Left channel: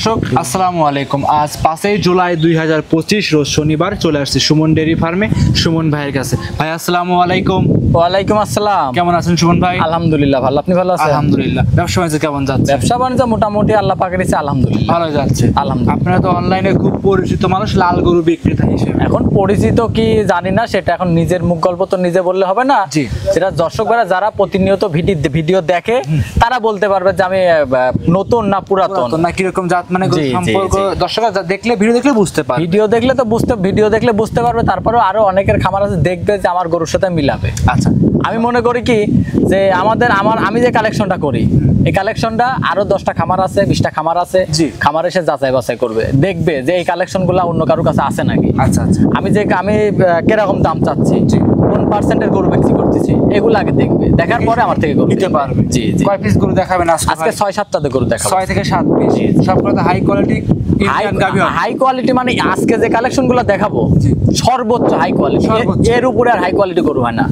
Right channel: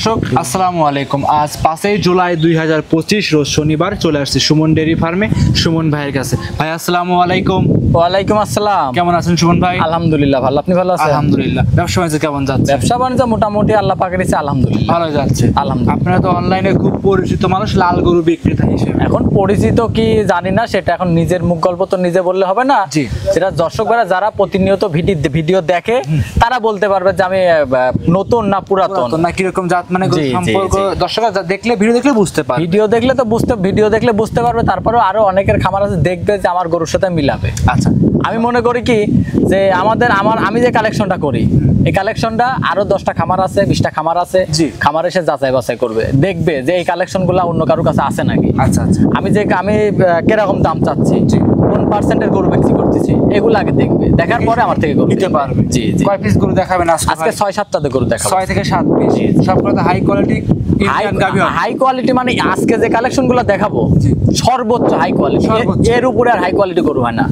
দর্শক আসসালামু আলাইকুম। আজ 5 জুলাই 2025 রোজ শনিবার চলে আসছি সুমন ডেইরি ফার্মে সুমন ভাইয়ের কাছে। ভাই আসসালামু আলাইকুম। ওয়ালাইকুম আসসালাম। কেমন আছেন সুমন ভাই? আলহামদুলিল্লাহ ভালো, আপনি ভালো আছেন? আলহামদুলিল্লাহ। ব্যবসা বাণিজ্য কেমন যাচ্ছে? ব্যবসা বাণিজ্য মোটামুটি আল্লাহ পাকের ইচ্ছায় আলহামদুলিল্লাহ ভালো যাচ্ছে। আলহামদুলিল্লাহ। আপনারা তো অনলাইনে খুব পরিচিত মানুষ লাল গরু বিক্রেতা হিসেবে। এখন পরিচিত কি জানি না, সেটা এখন নিজের মুখ গল্প তো নিজে বললে হবে না। জি। সেটা দর্শকরা যারা প্রতিনিয়ত ভিডিও দেখে তারা বলতে পারবে যে আমি নতুন না পুরাতন না কিরকম জাত মানে সম্পর্ক দর্শকরা দেখলে ভিডিও দেখলে বুঝতে পারবে। ভিডিও দেখলে বুঝতে পারবে। তারপরেও আরো অনেকের খামার আছে দেখবে যে আমার গরুর সাথে মিলাবে। আচ্ছা, আমি মনে করি কি যে আমি যে কালেকশনটা করি এই কালেকশনটা আরো 10টা খামার আছে, 20টা খামার আছে, খামার এসে যাচাই বাছাই করবে, দেখবে যে এই কালেকশন গুলা অন্য কারোর কাছে আছে নাকি। আচ্ছা আচ্ছা। আমি কিরকম দাম চাচ্ছি, কোন পার্সেন্টের গরু বিক্রি করতেছি, এগুলো আগে দেখবে, দেখার পরে আমার থেকে গরু নিতে পারবে। জি জি। কয় পিস গরু দেখাবেন আজকে 6-7টা গরু দেখাবো। 6 থেকে 7 পিস সবগুলো হাই কোয়ালিটি হাই কোয়ালিটি মানে আজকে যে কালেকশন গুলো দেখাবো সর্বোচ্চ হাই কোয়ালিটি, এর উপরে আর হাই কোয়ালিটি গরু হয় না।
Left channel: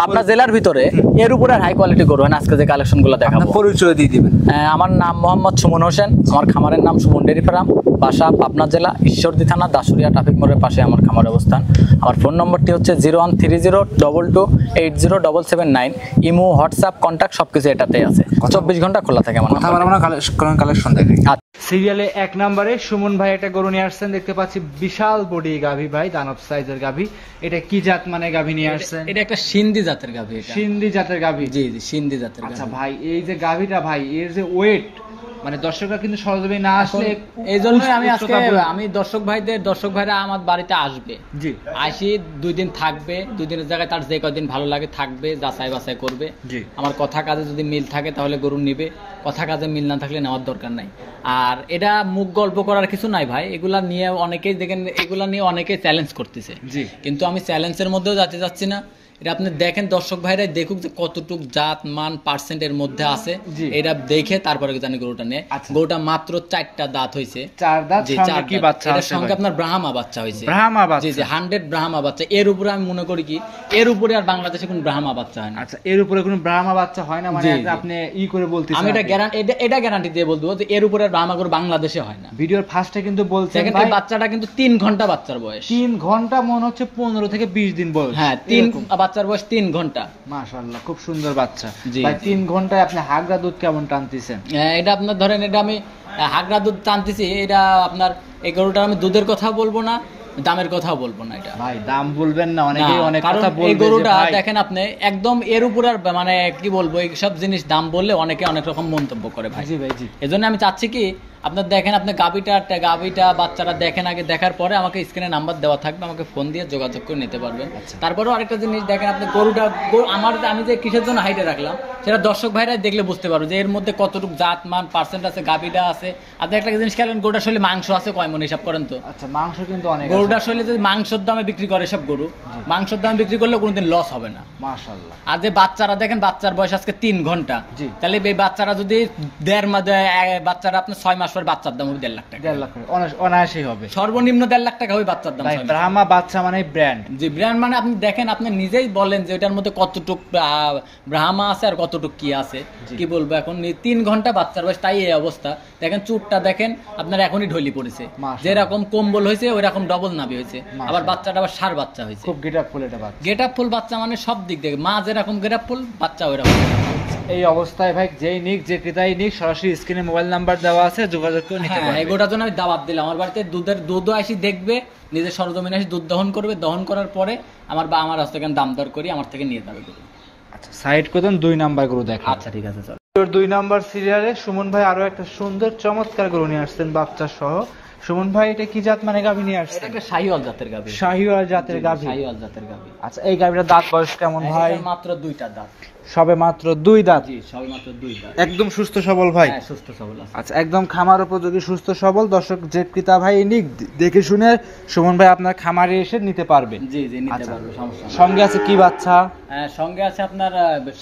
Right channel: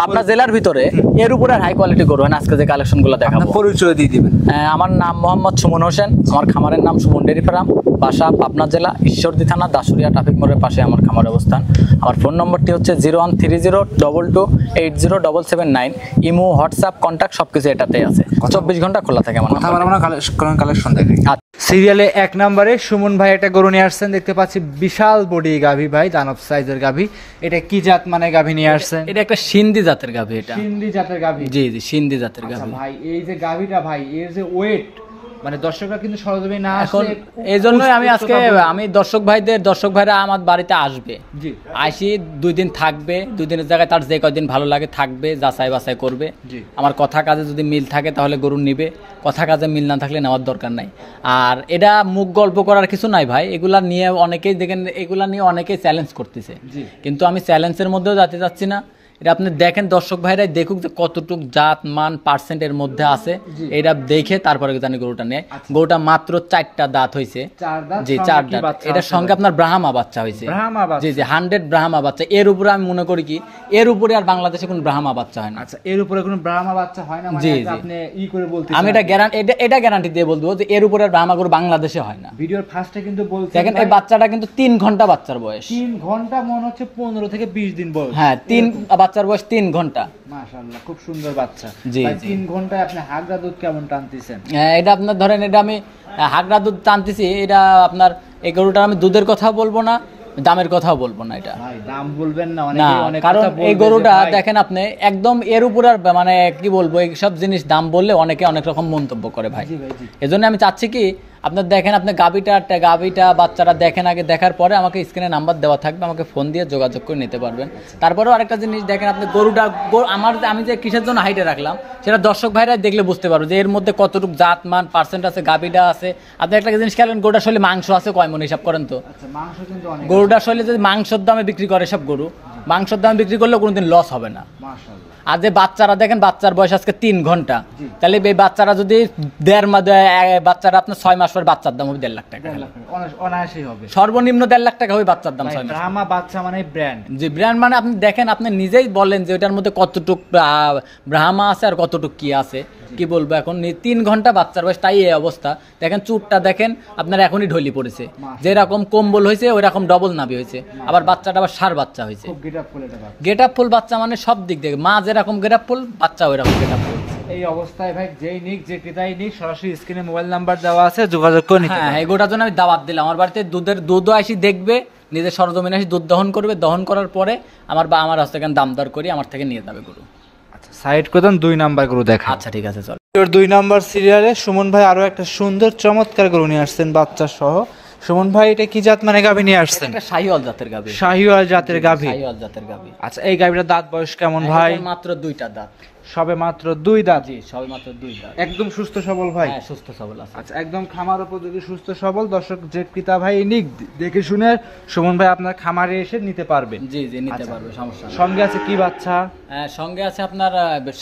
পাবনা জেলার ভিতরে এর উপরে আর হাই কোয়ালিটি গরু হয় না। আজকে যে কালেকশন গুলো দেখাবো পরিচয় দিয়ে দিবেন। আমার নাম মোহাম্মদ সুমন হোসেন, আমার খামারের নাম সুমন ডেইরি ফার্ম, বাসা পাবনা জেলা ঈশ্বরদী থানা দাসুরিয়া ট্রাফিক মোড়ের পাশে আমার খামার অবস্থান। আমার ফোন নম্বরটি হচ্ছে 01302227779। ইমো, হোয়াটসঅ্যাপ, কন্ট্যাক্ট সবকিছু এটাতেই আছে। 24 ঘন্টা খোলা থাকে আমার। কথা বলা আমরা কালেকশন দেখাই। সিরিয়ালে 1 নম্বরে সুমন ভাই একটা গরু নিয়ে আসছেন, দেখতে পাচ্ছি বিশাল বডি গাভী ভাই, দানব সাইজের গাভী। এটা কি জাত মানে গাভী নিয়ে আসছেন? এটা একটা সিন্ধি জাতের গাভী। এটা সিন্ধি জাতের গাভী? জি জি, সিন্ধি জাতের গাভী। আচ্ছা ভাই, এই যে গাভীটা ভাই এর যে ওয়েট মানে দর্শকরা কিন্তু সরজমিনে না আসলে এই জন্যই আমি দর্শক ভাইরা আমার বাড়িতে আসবে, জি আসি 2 দিন থাকবে, 2 দিনের জায়গায় তার যে কয়দিন ভালো লাগে থাকবে, যাচাই বাছাই করবে। আমার কথা কাজে যদি মিল থাকে তাহলে গরু নিবে, কথা কাজে মিল না থাকলে নেওয়ার দরকার নাই। আর এটা মুখ গল্প করার কিছু নাই ভাই, এগুলা নিয়ে অনেকেই দেখেন, এগুলা নিয়ে অনেকেই চ্যালেঞ্জ করতেছে, কিন্তু আমি চ্যালেঞ্জের মধ্যেও যেতে চাচ্ছি না। এটা আপনি দেখেন, দর্শক ভাইরাই দেখুক যে কতটুক জাত মান পার্সেন্টের মধ্যে আছে, এটা দেখে তারপরে জানি গরুটা নেয়। গরুটা মাত্র 4টা দাঁত হয়েছে। 4 দাঁত? জি 4 দাঁত। এটার সঙ্গে আপনার ব্রাহ্মা বাচ্চা হয়েছে। ব্রাহ্মা বাচ্চা? জি জি, 100 ব্রাহ্মা বাচ্চা। এর উপরে আমি মনে করি কি এর উপরে আর বাংলাদেশে কোনো ব্রাহ্মা বাচ্চা হয় না। আচ্ছা, এর উপরে কোনো ব্রাহ্মা বাচ্চা হয় না মানে আপনি করে বলতেছেন? আমি এটা গ্যারান্টি দিয়ে বলবো যে এর উপরে আর ব্রাহ্মা গরু বাংলাদেশে হয় না। ভিডিওর ফার্স্টে কিন্তু বলছেন দেখেন এই বাচ্চাটা কিন্তু 3 ঘন্টা বাচ্চার বয়স। 3 ঘন্টা মনে হচ্ছে 15 থেকে 20 দিন বয়স। হ্যাঁ, 3 বাচ্চার বয়স 3 ঘন্টা। মাশাআল্লাহ, খুব সুন্দর বাচ্চা। ভাই 3 ঘন্টায় আপনি হাগরা দুধ কেমন টানতেছেন? এটা আপনার ধরেন, এটা আমি হাগরা দুধ টানতেছি। এটা আপনার এই গরুটা আমি দুধের কথা বলবো না, দামের কথাও বলবো না। এটা ভাই দাম বলবেন না, অনেকেই অনেক কথা বলবে। এই গরুটা দেখেন আপনি একদম এর উপর আর মানে কি বলবো, এই সব জিনিস দাম বললে অনেকে অনেক রকম মন্তব্য করে ভাই। জি ভাই জি। এজন্য আমি চাচ্ছি কি আপনার দেখেন, আপনি গাবিটা বাচ্চারা দেখেন, আগে দেখার পরে আমাকে স্ক্রিনে নাম্বার দেওয়া থাকবে, আমাকে ফোন দিয়ে যোগাযোগ করে নিতে পারবেন। তারপরেও আরেকটা জিনিস দেখেন, আপনি গরুটা আমি যে কিসের জন্য হাইটে রাখলাম সেটা দর্শক ভাইরা দেখলে বুঝতে পারবো যে এর মধ্যে কতটুকু জাত মান পার্সেন্ট আছে, গাবিটা আছে। আপনি একটা জিনিস খেলেন, গরুটা আসলে মাংস আছে কয় মণ হিসাব করেন তো? আচ্ছা, মাংস কিন্তু অনেক। গরুটা আসলে যদি মাংসের দামে বিক্রি করে সব গরু, মাংসের দামে বিক্রি করলেও কোনোদিন লস হবে না। মাশাআল্লাহ। আর যে বাচ্চারা দেখেন, বাচ্চার বয়স আজকে 3 ঘন্টা, তাহলে এই বাচ্চারা যদি বাচ্চারা আপনার 6 মাস পর বাচ্চার দাম হবে 1.5 লাখ টাকা। 1.5 লাখ অনায়াসই হবে, সর্বনিম্ন 1.5 লাখ টাকা হবে বাচ্চার দাম। ব্রাহ্মা বাচ্চা মানে ব্র্যান্ড। জি, ব্র্যান্ড মানে আপনি দেখেন, আপনি নিজেই বলেন যে ওটার মধ্যে কতটুক ব্রাহ্মা আছে আর কতটুক কি আছে, কি বলবো। এখন 3 ঘন্টা বাচ্চার বয়স, তাই এই অবস্থা। দেখেন চুটটা দেখেন আপনার এখনই ঢলি পড়েছে, যেরকম কম্বল হয়েছে ওই রকম ডবল নাভি হয়েছে। আবার বাচ্চাটা আবার ষাঁড় বাচ্চা হয়েছে। খুব গেটআপফুল এটা বাচ্চা। গেটআপফুল বাচ্চা মানে সব দিক থেকে মা যেরকম গেটআপফুল, বাচ্চা ওই রকম গেটআপফুল। এই অবস্থায় ভাই যেই নিক, যে ক্রেতাই নিক, সরাসরি স্ক্রিনে মোবাইল নাম্বার দেওয়া আছে, যোগাযোগ করে নিতে পারবেন। এই গোটার জন্য আমি দাওয়াত দিলাম। আমার বাড়িতে দুধও আসি দেখবে, নিজের সরজমিনে আসি দুধ দহন করবে, দহন করার পরে আমার হাতে দাম দর করি, আমার থেকে নিয়ে যাবে গরু। আচ্ছা, সাইড করে দেন, 2 নাম্বার গরু দেখা। আচ্ছা ঠিক আছে, চল। 2 নম্বর সিরিয়ালে সুমন ভাই আরো একটা সুন্দর চমৎকার গরু নিয়ে আসছেন বাচ্চা সহ। সুমন ভাই এটা কি জাত মানে গাভী নিয়ে আসছেন? এটা শাহিওয়াল জাতের গাভী। শাহিওয়াল জাতের গাভী? শাহিওয়াল জাতের গাভী। আচ্ছা, এই গাভীটার দাঁত বয়স কেমন ভাই? মাত্র 2টা দাঁত। সবে মাত্র 2 দাঁত? জি, সবে মাত্র 2 দাঁত। একদম সুস্থ সবল ভাই? হ্যাঁ, সুস্থ সবল আছে। আচ্ছা, একদম খামার উপযোগী সুস্থ সবল। দর্শক যে ক্রেতা ভাই নিক, দেখে শুনে সুমন ভাই আপনার খামারে এসে নিতে পারবেন। জি জি, নিতে পারবে, সমস্যা নেই। সঙ্গে আছে কি বাচ্চা? সঙ্গে আছে আপনার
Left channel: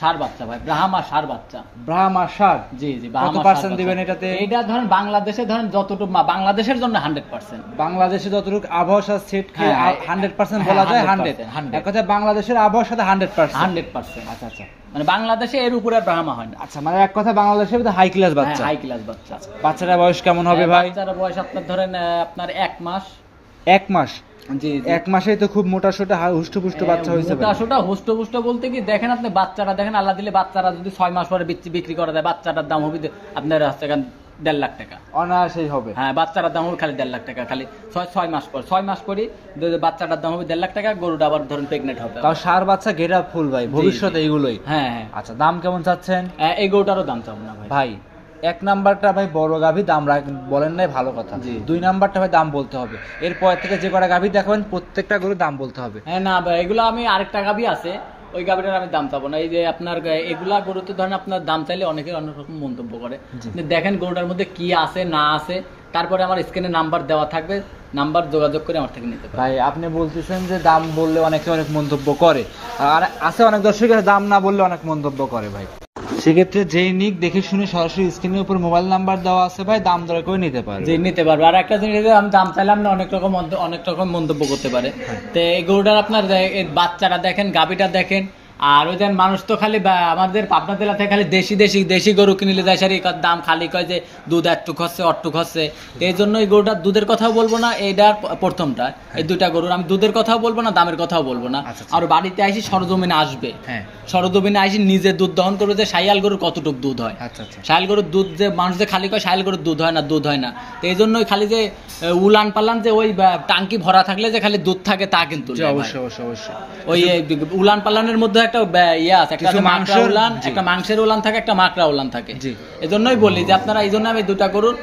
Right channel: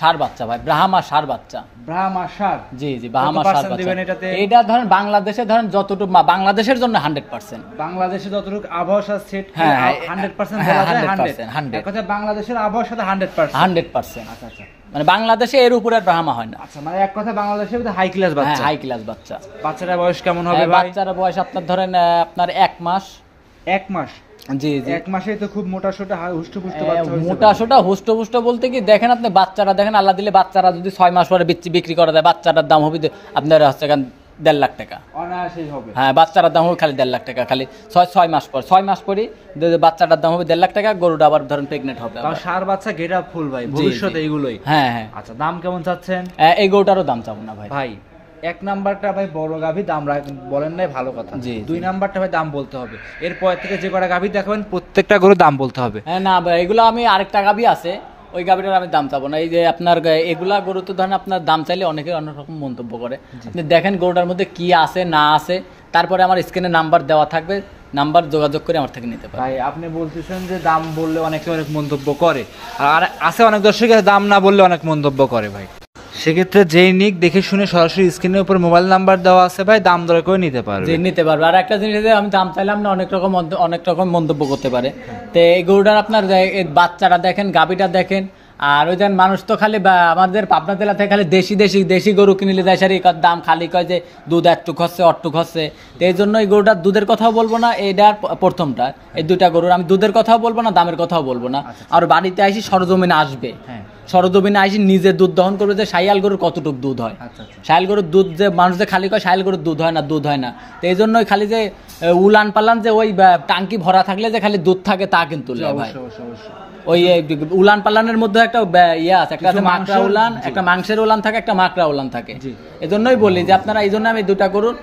ষাঁড় বাচ্চা ভাই, ব্রাহ্মা ষাঁড় বাচ্চা। ব্রাহ্মা ষাঁড়? জি জি। কত পার্সেন্ট দিবেন এটাতে? এটা ধরেন বাংলাদেশে ধরেন যতটুকু, বাংলাদেশের জন্য না 100%। বাংলাদেশে যতটুকু আবহাওয়ার সাথে সেট করে হ্যাঁ, 100% বলা যায় 100 100 এক কথায় বাংলাদেশের আবহাওয়ার সাথে 100%। 100%। আচ্ছা আচ্ছা মানে বাংলাদেশে এর উপরে আর ব্রাহ্মা হয় না। আচ্ছা, মানে এক কথা বাংলাদেশের মধ্যে হাই ক্লাস বাচ্চা। হাই ক্লাস বাচ্চা। বাচ্চাটার বয়স কেমন হবে ভাই? বাচ্চার বয়স আপনার ধরেন আপনার 1 মাস। 1 মাস? জি জি, 1 মাসেই তো খুব মোটা সোটা হুষ্টপুষ্ট বাচ্চা হয়েছে। মোটা সোটা হুষ্টপুষ্ট বলতে কি দেখেন আপনি বাচ্চারা দেখেন, আল্লাহ দিলে বাচ্চারা যদি 6 মাস পরে বিক্রি করা যায়, বাচ্চাটার দাম হবে আপনার হচ্ছে 1.5 লাখ টাকা অনায়াসেই হবে। হ্যাঁ, বাচ্চাটার দাম হবে খালি 1.5 লাখ টাকা, খালি 6 মাস পর। 6 মাস পরই বাচ্চাটার দাম হবে 1.5 লাখ টাকা, গরুটা আবার ধরেন প্রেগনেন্ট হবে। তাও সার বাচ্চা গেট আপ ফুল ভাই, ভবিষ্যতে এইগুলোই। হ্যাঁ হ্যাঁ। আচ্ছা, দাম কেমন চাচ্ছেন? এই গরুটারও দাম চাবো না ভাই। ভাই 1 নাম্বারটা ভাই বড় গাভী, দাম বলেন নাই ভালো কথা। 2 নাম্বারটা ভাই দাম বলতে হবে। এরপর থেকে যে কটা গাভী দেখাবেন প্রত্যেকটা গরু দাম বলতে হবে। হ্যাঁ না ভাই, এগুলো আমি আরেকটা গাভী আছে, ওই গাভীটার আমি দাম চাবো না। এই যে আপনার এগুলা গরু তো ধরেন আপনার দাম চাইলে অনেকে অনেক রকম মন্তব্য করে। দেখেন গরুটার মধ্যে কি আছে না আছে, তারপরে আমার স্ক্রিনে নাম্বার দেওয়া থাকবে, নাম্বার যোগাযোগ করে আমার থেকে নিতে পারেন। ভাই আপনি বলতেছেন যে দাম বললে অনেকে অনেক মন্তব্য করে, আর আছে অনেক দর্শকের দাম না বললে অনেক মন্তব্য করে ভাই। সেক্ষেত্রে যেই নিক দেখে শুনে সরাসরি স্ক্রিনের উপর মোবাইল নাম্বার দেওয়া আছে ভাই, দাম দর করে নিতে পারবে। যে নিতে পারবে। আর একটা জিনিস আমি দাম চাইলাম না, অনেক রকম মন্তব্য করতে পারে। তো এই গরুটার আপনার বাচ্চারা দেখেন, গাভীটা দেখেন, আর ওই যেন মানুষ তো খালি আমাদের পাবনা জেলা থেকে খালি দেশি গরু কিনলে যায় সারি দাম খালি কয় যে দুধ একটু খরচে অট্টু খরচে। এই জন্য এই গরুটার দুধের কথাও বলবো না, এইটার প্রথমটা এই দুইটা গরুর আমি দুধের কথাও বলবো না, দামের কথাও বলবো না। আর বাড়িতে আসি সরজমিনে আসবে, সরজমিনে আসি নিজে দুধ দহন করবে যে শাইয়াল গরুর কতটুকু দুধ হয়। শাইয়াল গরুর দুধ যে মানুষ যে খালি কয় শাইয়াল গরুর দুধ হয় না। তো এই জন্যই খালি যে উলান পালান যে ওই টাঙ্কি ভরা থাকলে যে খালি দুধ থাকে তা কিন্তু অবশ্যই ওই উলান পালানের মধ্যে একটা ইয়ে আছে, একটা মাংসের উলান থাকে, একটা মাকড়া উলান থাকে। এজন্যই বলি যে আপনারা, এই জন্য আমি দুটা করুন,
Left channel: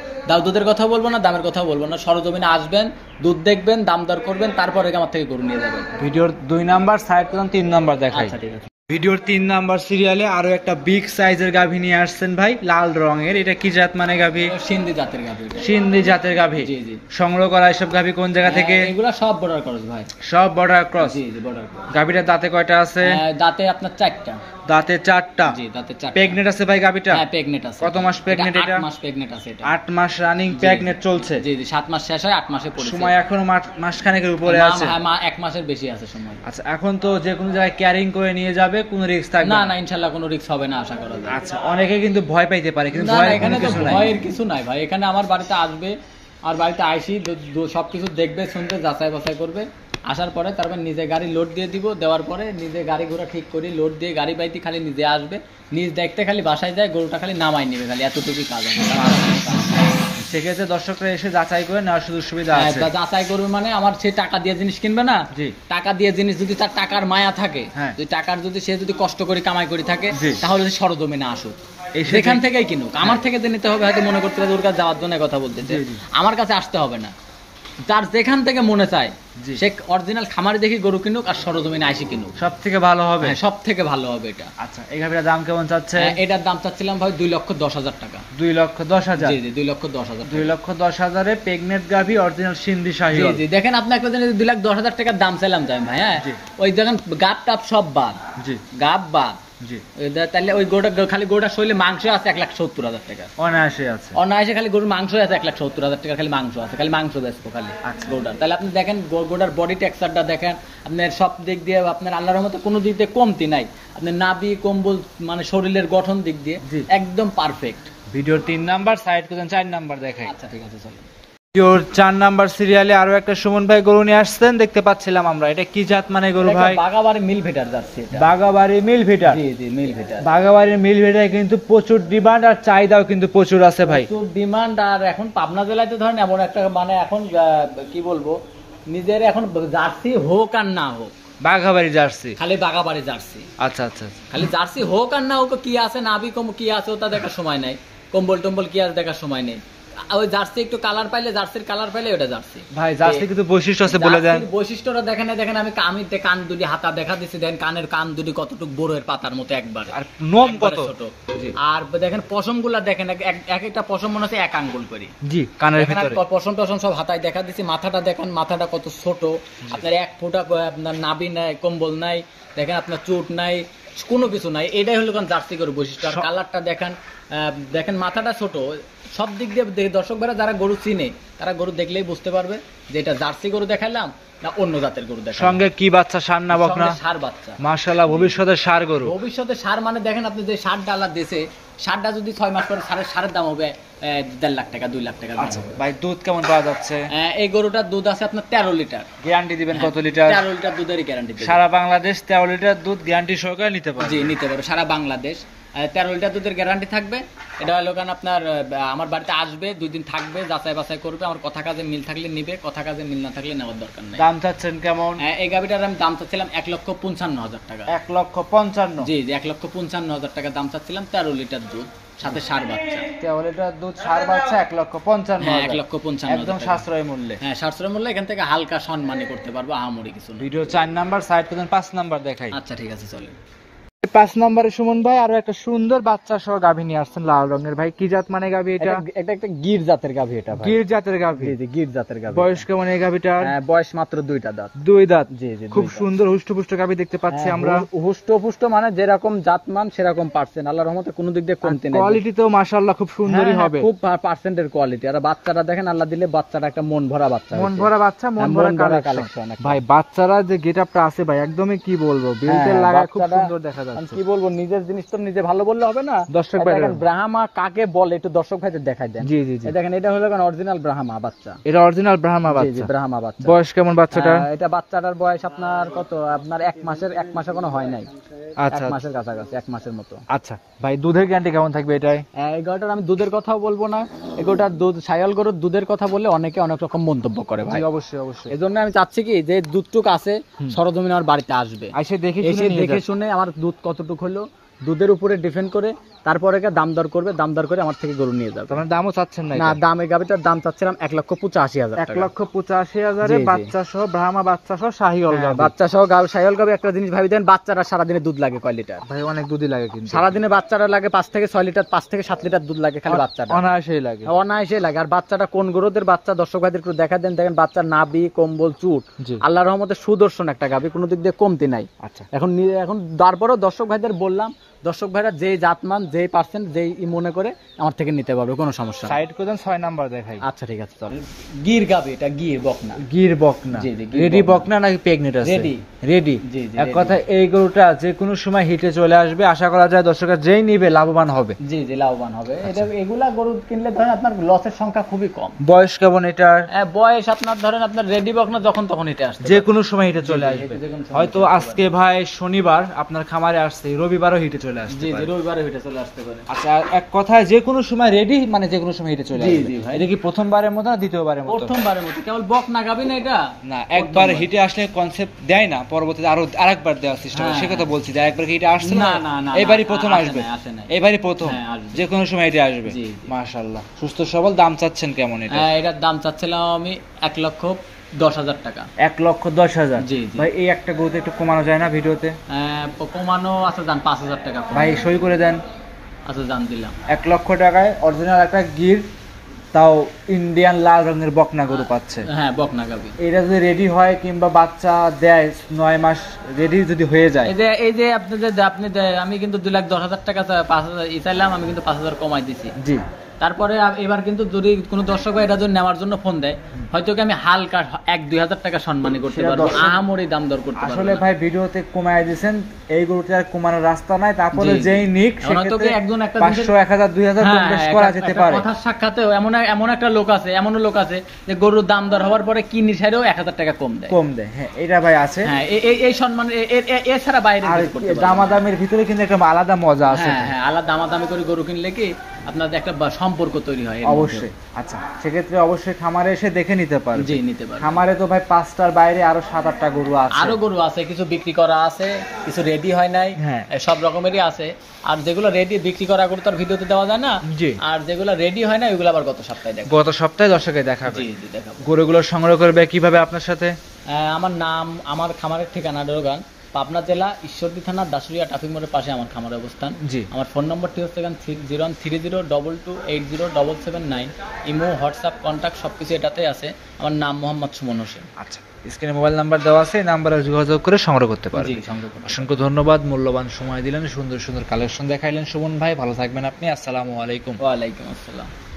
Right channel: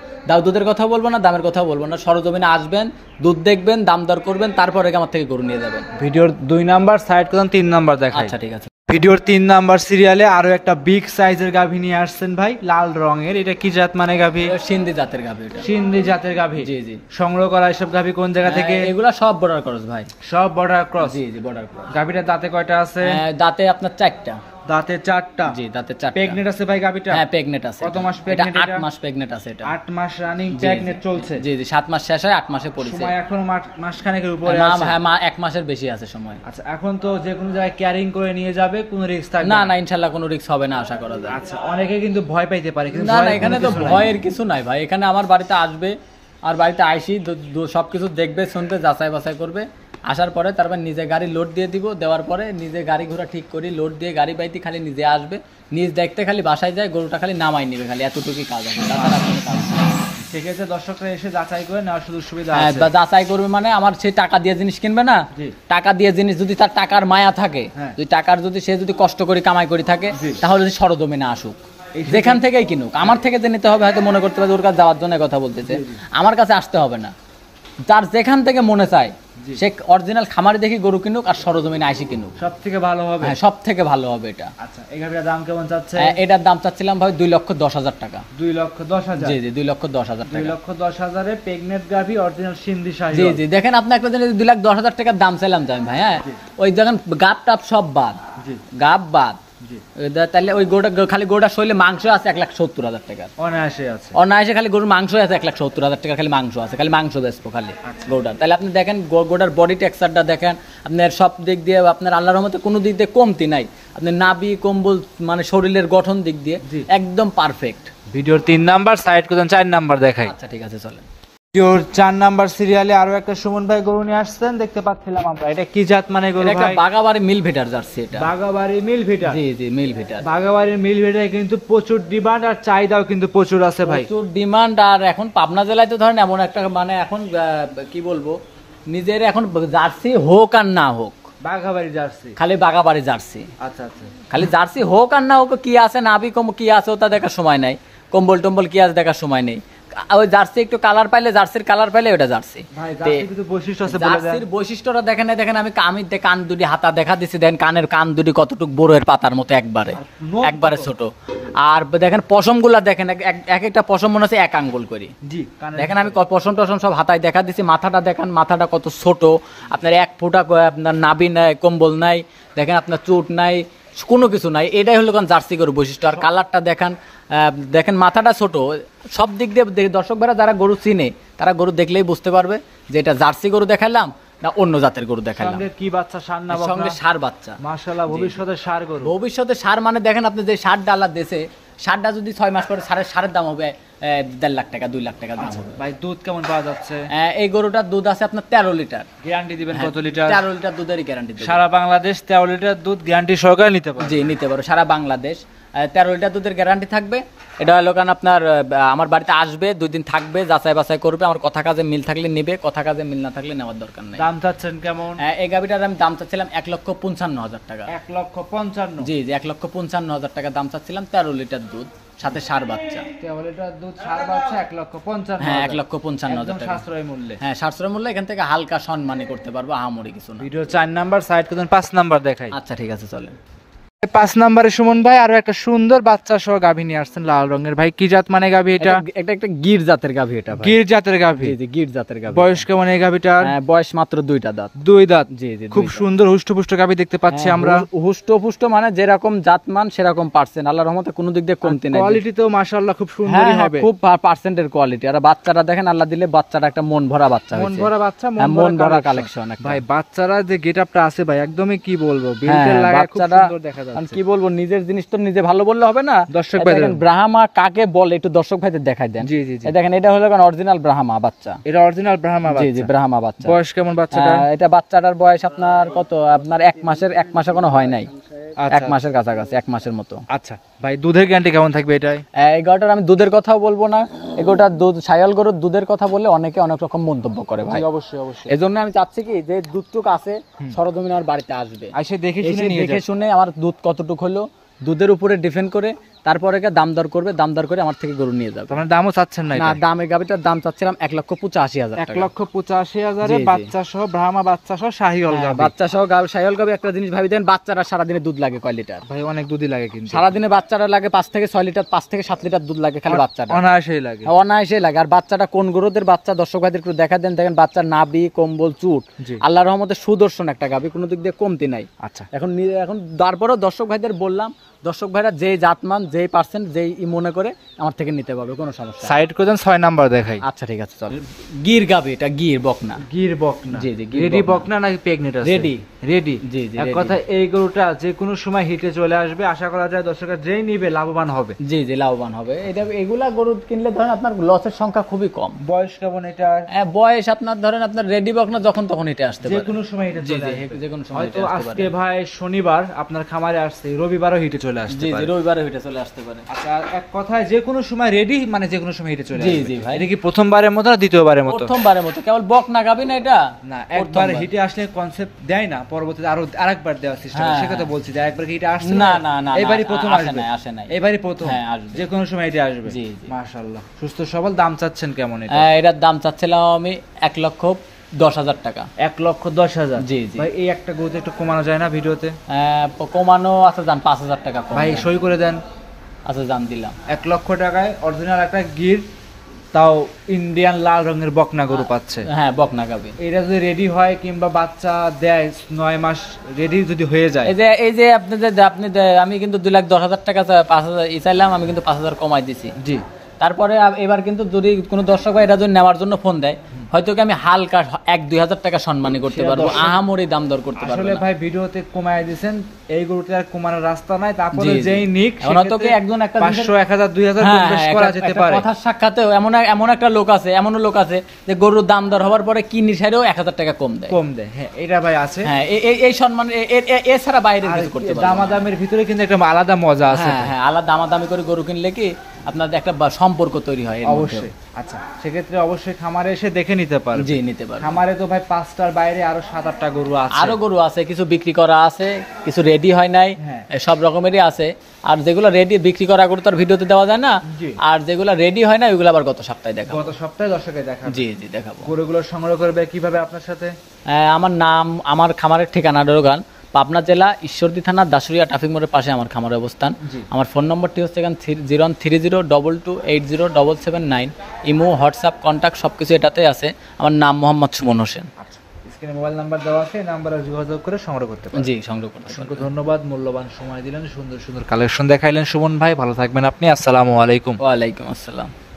দুধের কথা বলবো না, দামের কথা বলবো না, সরজমিনে আসবেন, দুধ দেখবেন, দাম দর করবেন, তারপরে আমার থেকে গরু নিয়ে যাবেন। ভিডিওর 2 নাম্বার সাইড করুন, 3 নাম্বার দেখাই। আচ্ছা ঠিক আছে। ভিডিওর 3 নাম্বার সিরিয়ালে আরো একটা বিগ সাইজের গাভী নিয়ে আসছেন ভাই, লাল রঙের। এটা কি জাত মানে গাভী? সিন্ধি জাতের গাভী। সিন্ধি জাতের গাভী। জি জি। সংগ্রহ করা এসব গাভী কোন জায়গা থেকে? এগুলা সব বর্ডার ক্রস ভাই। সব বর্ডার ক্রস? জি জি, বর্ডার ক্রস। গাভীটার দাঁতে কয়টা আছে? দাঁতে আপনার 4টা। দাঁতে 4টা? জি, দাঁতে 4টা। প্রেগনেন্ট আছে ভাই গাভীটা? হ্যাঁ, প্রেগনেন্ট আছে। কত মাস প্রেগনেন্ট এটা? 8 মাস প্রেগনেন্ট আছে এটা। 8 মাস রানিং প্রেগনেন্ট চলছে? জি জি, 7 মাস শেষ হয়, 8 মাসে পড়ছে। সময় এখনো মাস খানেকের উপরে আছে? হ্যাঁ, 1 মাসের বেশি আছে সময়। আচ্ছা, এখন তো যে কোনো জায়গায় ক্যারিং করে নিয়ে যাবে, কোনো রিস্ক থাকবে না? না, ইনশাআল্লাহ কোনো রিস্ক হবে না আশা করা যায়। আচ্ছা, অনেকে কিন্তু ভয় পাইতে পারে, কিন্তু এখানে তো ভয়ের কিছু নাই ভাই। এখানে আমার বাড়িতে আসবে, আর বাড়িতে আইসি সবকিছু দেখবে, শুনবে, যাচাই বাছাই করবে, আসার পরে তারপর নিজে গাড়ি লোড দিয়ে দিব, দেওয়ার পরে নিজে গাড়ি ঘোড়া ঠিক করি, লোড দিয়ে গাড়ি বাইতে খালি নিজে আসবে, নিজ দেখতে খালি বাসায় যায়, গরুটা খালি নামাই নিবে, খালি এতটুকুই কাজ হবে। সেক্ষেত্রে দর্শকরা এসে যাচাই করে নেওয়ার সুযোগ সুবিধা আছে? যাচাই করবে মানে আমার সে টাকা দিয়ে জিনিস কিনবে না, টাকা দিয়ে জিনিস যদি তার টাকার মায়া থাকে, যদি সে যদি কষ্ট করে কামাই করে থাকে, তাহলে সরজমিনে আসুক, যেখান থেকেই কিনুক। আমার থেকে যে নিতে হবে, হয়তো মনে করতে হবে ওর কাছে যাওয়ার জন্য কথা বলতেছে, আমার কাছে আসতে হবে না। যার যেখান থেকে মনে চায় সে অরিজিনাল খামারে দেখি গরু কিনুক, আর সরজমিনে আইসি কিনুক, সব থেকে ভালো হবে। সব থেকে ভালো হবে এটা। আচ্ছা, এই গাভীটার দাম কেমন চাচ্ছে? এটার দাম চাচ্ছিলাম ভাই 2,10,000 টাকা। 2,10,000? জি জি, 2,10,000। 2,10,000 এ প্রেগনেন্ট গাভী, অরিজিনাল সিন্ধি শাহিওয়াল। জি জি, দেখেন আপনি একটা জিনিস 2,10,000 টাকার দাম চাইলাম যাই ভাই। হ্যাঁ, ওই দেখেন গাব টাপ সব বাদ, গাব বাদ। তাহলে ওই গোটা খালি গোটা শৈলে মাংস আছে 1,70,000 টাকা অনায়াসে আছে। অনায়াসে খালি গরুর মাংস আছে 1,70,000 টাকা, খালি মাংস আছে, খালি মাংস বেচবো খালি গোটা। তাহলে আপনি দেখেন গোটার বডি টেক্সচারটা দেখেন, আপনার সব দিক দিয়ে আপনার আল্লাহর রহমতে কোনো দিক দিয়ে কমতি নাই, আপনার নাভি কম্বল মানে শরীরের গঠন দিক দিয়ে একদম পারফেক্ট। ভিডিওর 3 নাম্বার সাইড করুন, 4 নাম্বার দেখাই। আচ্ছা ঠিক আছে, চলেন। ভিডিওর 4 নাম্বার সিরিয়ালে আরো একটা সুমন ভাই গরু নিয়ে আসছেন, দেখতে পাচ্ছিলাম আমরা। এটা কি জাত মানে গরু ভাই? বাগাবাড়ি মিল ভিটার জার্সি এটা। বাগাবাড়ি মিল ভিটার? জি জি, মিল ভিটার। বাগাবাড়ির মিল ভিটার কিন্তু প্রচুর ডিমান্ড, আর চাহিদাও কিন্তু প্রচুর আছে ভাই। প্রচুর ডিমান্ড। আর এখন পাবনা জেলায় তো ধরেন এমন একটা মানে এখন কি বলবো, নিজের এখন জার্সি হোক আর না হোক, বাগাবাড়ি জার্সি, খালি বাগাবাড়ি জার্সি। আচ্ছা আচ্ছা, খালি জার্সি হোক আর না হোক, কি আছে নাভি কম কি আছে ওটা দেখার সময় নাই, কম্বল টম্বল কি আছে দেখার সময় নেই। ওই জার্সি একটু কালার পাইলে, জার্সির কালার পাইলে ওটা জার্সি ভাই। জার্সি কিন্তু বৈশিষ্ট্য আছে, বলে দেন বৈশিষ্ট্যটা। দেখেন আমি কান দুটি হাতা দেখা দিছি, দেখেন কানের কান দুটি কতটুকু বড়ের পাতার মতো, একবারে ছোট। আর দেখেন পশম গুলা দেখেন, এক একটা পশম মনে হচ্ছে 1 আঙ্গুল করি। জি, কানের দেখেন আমি পশম টশম সব হাতায় দেখা দিছি। মাথাটা দেখেন, মাথাটা কত ছোট, আপনার 1 ফোঁটা আপনার নাভি নাই, কম্বল নাই, দেখেন আপনার চুট নাই, কোনো কিছু নাই, এটাই হলো কারণ জার্সি গরু বৈশিষ্ট্য। আর কালারটা দেখেন মাথাটা ছোট, সব দিক দিয়ে দর্শক ভাইরা যারা গরু চিনে তারা গরু দেখলেই বুঝতে পারবে যে এটা জার্সি গরু দেখালাম না অন্য জাতের গরু দেখালাম। সঙ্গে কি বাচ্চা, ষাঁড় না বকনা? ষাঁড় বাচ্চা। মাশাআল্লাহ, ভবিষ্যতে ষাঁড় গরু। ভবিষ্যতে ষাঁড় মানে দেখেন আপনি যে ষাঁড় ডালা দিয়েছে, ষাঁড়টা যদি 6 মাস পরে ষাঁড়ের দাম হবে 1.5 লাখ টাকা 2 লাখ টাকা। আচ্ছা ভাই, দুধ কেমন পাওয়া যাচ্ছে? এই গরুটার দুধ আছে আপনার 13 লিটার। গ্যারান্টি দিবেন কত লিটার? 13 লিটার দুধেরই গ্যারান্টি দেব। সারা বাংলাদেশ 13 লিটার দুধ গ্যারান্টি সহকারে নিতে পারবে? জি, নিতে পারবে সারা বাংলাদেশ। 13 লিটার দুধের গ্যারান্টি থাকবে। এটা হলো কারণ আপনার আমার বাড়িতে আসবে, 2 দিন থাকবে, যাচাই বাছাই করবে, আমার কথা কাজে মিল থাকলে নেবে, কথা কাজে মিল না থাকলে নেওয়ার দরকার নেই। দাম চাচ্ছেন কেমন? এই গাভিটার আমি দাম চাচ্ছিলাম 1,55,000 টাকা। 1,55,000? জি জি, 1,55,000 টাকা দাম চাচ্ছিলাম। 13 লিটার দুধ, সাথে ষাঁড় বাচ্চা। 13 লিটার দুধ, ষাঁড় বাচ্চা, 1,55,000। হ্যাঁ, 1,55,000 একদম সাশ্রয় মূল্যে। হ্যাঁ, সাশ্রয় মূল্যে। এখান থেকে হালকা সম্মানী করতে পারবো, আহামরি কিছু না। ভিডিও 4 নাম্বার, সাইড করুন 5 নাম্বার দেখাই। আচ্ছা ঠিক আছে, চলেন। 5 নম্বরে সুমন ভাই আরো একটা সুন্দর বাচ্চা সহ গাভী নিয়ে আসছেন, লাল রঙের। ভাই কি জাত মানে গাভী এটা? একটা গির জাতের গাভী এটা ভাই। গির জাতের গাভী? জি জি, গির জাতের গাভী। বয়স কেমন এই গাভীটার? বয়স মাত্র 2টা দাঁত। 2 দাঁত? জি জি, খুব সুন্দর হুষ্টপুষ্ট গাভী দেখতে পাচ্ছি আমরা। হুষ্টপুষ্ট মানে যেরকম জাতমান সেরকম পার্সেন্ট, আল্লাহর রহমতে কোনো দিক দিয়ে কমতি নেই। কোয়ালিটিতেও মাশাআল্লাহ খুব সুন্দরই হবে। খুব পার্সেন্টের কোয়ালিটি। আর বাচ্চাটা দেখেন, আল্লাহ দিলে বাচ্চাটা একটা মন ভরা বাচ্চা, মন ভরা বাচ্চা, মন ভরা কালেকশন। ভাই বাচ্চারা যে গেটআপটা আছে ভাই, একদমই কি বলবো, বেল্টের লাগায় খুব সুন্দর দেখা যাচ্ছে। কি বলবো, নিজের জিনিস তো নিজে ভালো বললে হবে না। দর্শক ভাই দেখেন ব্রাহ্মা কাকে বলে একটু দর্শক ভাইদের দেখাই দেন। জি জি জি, দেখেন এটা হলো কারণ অরিজিনাল ব্রাহ্মা বাচ্চা। এটা অরিজিনাল ব্রাহ্মা বাচ্চা? জি জি, ব্রাহ্মা বাচ্চা। বয়স কেমন বাচ্চাটা? এটা বাচ্চাটার বয়স আপনার কত? আপনার 1 মাসের কোনো হয় নাই। 1 মাসের কাছাকাছি, 1 মাসের মতো। আচ্ছা ভাই, দুধের গ্যারান্টি কেমন থাকবে এটাই? এই গরুটার আমি দুধের কথাও বলবো না। এই গরুটার দুধ, ছায়াল গরুর দুধের কথা বললে অনেকে অনেক রকম মন্তব্য করে ভাই। অবশ্যই অবশ্যই। এজন্য আমি চাচ্ছি কি যে দুধটুক আছে সরজমিন আমার বাড়িতে আসবে, এসে দেখে শুনে আমার দুধ কতটুক হলো দুধের উপরে ডিপেন্ড করে তারপরে দাম দর করবে, দাম দর করে আমার থেকে গরু নিয়ে যাবে। তোমার দামও চাচ্ছেন না? না, দাম এই গাভিটার দাম চাচ্ছিলাম 1,85,000 টাকা। 1,85,000 এ বাচ্চা সহ, ব্রাহ্মা বাচ্চা সহ, শাহিওয়াল গাভী। বাচ্চা সহ শাহিওয়াল গাভী। একটা জিনিস ভাবি দেন, বাচ্চারা সারাদিনে দুধ লাগে কয় লিটার? ভাই অনেক দুধই লাগে কিন্তু। সারাদিনে বাচ্চারা লাগে 5 থেকে 6 লিটার, 5 থেকে 7 লিটার দুধ লাগে খালি বাচ্চাটা। অনায়াসেই লাগে, অনায়াসেই লাগে। আর বাচ্চাটা কোন গরুদের বাচ্চা দর্শক ভাইদের একটু দেখা দেন। দেখেন বাচ্চার নাভি, কম্বল, চুট, আল্লাহর রহমতে সুদর্শন একটা গাভী, কোনো দিক দিয়ে কমতি নাই। আচ্ছা, এখন তারপরেও দর্শক ভাইদের বললাম, দর্শক ভাইরা যেই জাতমান, যেই পার্সেন্ট, যেই মনে করে আমার থেকে নিতে পারবে, কোনো সমস্যা। সাইড করে দেন, 6 নাম্বার দেখাই। আচ্ছা ঠিক আছে, চল। গির গাবে, এটা গির বকনা। গির বকনা? জি জি, রেডি বকনা নাকি প্রেগনেন্ট আছে? Ready ready. জি জি, এক কথা এই গরুটা যে কোনো সময় হিটে চলে আসবে, আশা করা যায় দর্শকরা যেই নিবে লাভবান হবে। জি জি, লাভবান হবে। এটা এগুলা গরু কিনলে ধরেন আপনার লসের সংখ্যা খুবই কম। বয়স কেমন এটার? বয়স আপনার ধরেন আপনার রেডি বকনা যখন তখন হিটে আসতে যে কোনো সময় হিটে চলে আসবে। হয়তো আজকে ভাই শনিবার আপনার খামারে আসছে, রবিবারও হিটে চলে আসবে। জি জি, রবিবারও হিটে চলে আসতে পারে। আচ্ছা, এক কথায় যে কোনো সময় রেডি, মানে যে কোনো সময় হিটে চলে আসবে। জি জি ভাই। এটা কি প্রথমবারের মতো না দ্বিতীয়বারের মতো? প্রথমবারের মতো। কেবল বকনা গাবি না এটা? না, একবার হিটে আসলে কনসেপ্ট দেয় না, পরবর্তীতে আরেকবার দেওয়ার সিস্টেম। সে কথা বলছি যে একবার হিটে আসছে না, এবারই প্রথম আসবে। এবারই প্রথম, যে কোনো সময় হিটে আসবে। মাশাআল্লাহ, সুস্থ সবল। দাম চাচ্ছেন কেমন এটা? এটার দাম চাচ্ছিলাম আমি 1,10,000 টাকা। 1,10,000? জি জি ভাই, এই একটা গরুতে একটু কমানো যায় না ভিডিওতে? কমানো আছে, দাম 5,000 টাকা। ভাই সই করে দেন। আচ্ছা, দাম দিলাম 1 লক্ষ টাকায় অরিজিনাল একটা গির, তাও ইন্ডিয়ান লাল রঙের বকনা গরু পাচ্ছে। হ্যাঁ, বকনা গাবি। এটা যদি রেডি হয় কিংবা বাচ্চা দেয় 9 মাস রেডি যদি হয়ে যায়, এই যে আমি কিন্তু 2,10,000 টাকা 5,000 চাইলাম, আমি কিন্তু 5,000 কমাই দিছি। জি। তারপরে এবার কিন্তু যদি কোনো দর্শক ভাই এটা যদি নেওয়ার জন্য ফোন দেয়, হয়তো কি আমি হালকা 1-2 হাজার টাকা সম্মানী করতে পারবো, আহামরি দাম দর করতে পারবো। আসলে ভাই ভিডিওতে কমায় দিয়েছেন, এই গরুটা আর কমানোর রাস্তা নাই। তারপরে যেই নিক সেক্ষেত্রে একজন একটা 500, 1000, 2000 বেশ করা যেতে পারে। কথার সাক্ষাতেও এমন একটা লোক আছে, এমনও লোক আছে যে গরুর দাম দর হওয়ার পরে কি নিশারেও 1,000 টাকা কম দেয়। হ্যাঁ, এটা ভাই আছে। হ্যাঁ, এই সম্মান এছাড়া বাইরে করতে পারবে। দামাদামের ভিতরে কিন্তু একটা আলাদা মজা আছে। হ্যাঁ, আলাদা দামাদামি করে গরু কিনলে কি আপনাদের একটা সম্পর্ক তৈরি হয় অবশ্যই। আচ্ছা, সেক্ষেত্রে অবশ্যই খামারে এসে দেখে নিতে পারবে। জি, নিতে পারবে। খামারে তো ভাই 5টার বাইরে আরো 7-8টা গরু আছে। আরো গরু আছে, কিছু বিক্রি করা আছে, কিছু রেডি হয় নাই, সব রকমেরই আছে। আর যেগুলো রেডি বিক্রি করা গরু তার ভিডিওতে দেওয়া যায় না, আর যেগুলো রেডি হয় না ওইগুলো আবার গত সপ্তাহে দেখাবো। গত সপ্তাহে দর্শকে দেখাবো। জি জি, দেখাবো। গরুগুলো সংগ্রহ করবে কিভাবে আপনার সাথে? আমার নাম, আমার খামারের ঠিকানা ডোরগান, পাবনা জেলা, ঈশ্বরদী থানা, দাসুরিয়া ট্রাফিক মোড়ের পাশে আমার খামারের অবস্থান। আমার ফোন নম্বরটি হচ্ছে 0130222779। ইমো, হোয়াটসঅ্যাপ, কন্ট্যাক্ট সবকিছু এটাতে আছে। আমার নাম মোহাম্মদ সুমন হোসেন। আচ্ছা স্ক্রিনে মোবাইল নাম্বার দেওয়া আছে, এই নাম্বারে যোগাযোগ করে সংগ্রহ করতে পারেন। জি, সংগ্রহ করুন। অসংখ্য ধন্যবাদ, মূল্যবান সময় দিলেন, সুন্দর সুন্দর কালেকশন দেখাইলেন সুমন ভাই। ভালো থাকবেন আপনি। আসসালামু আলাইকুম। ওয়ালাইকুম আসসালাম।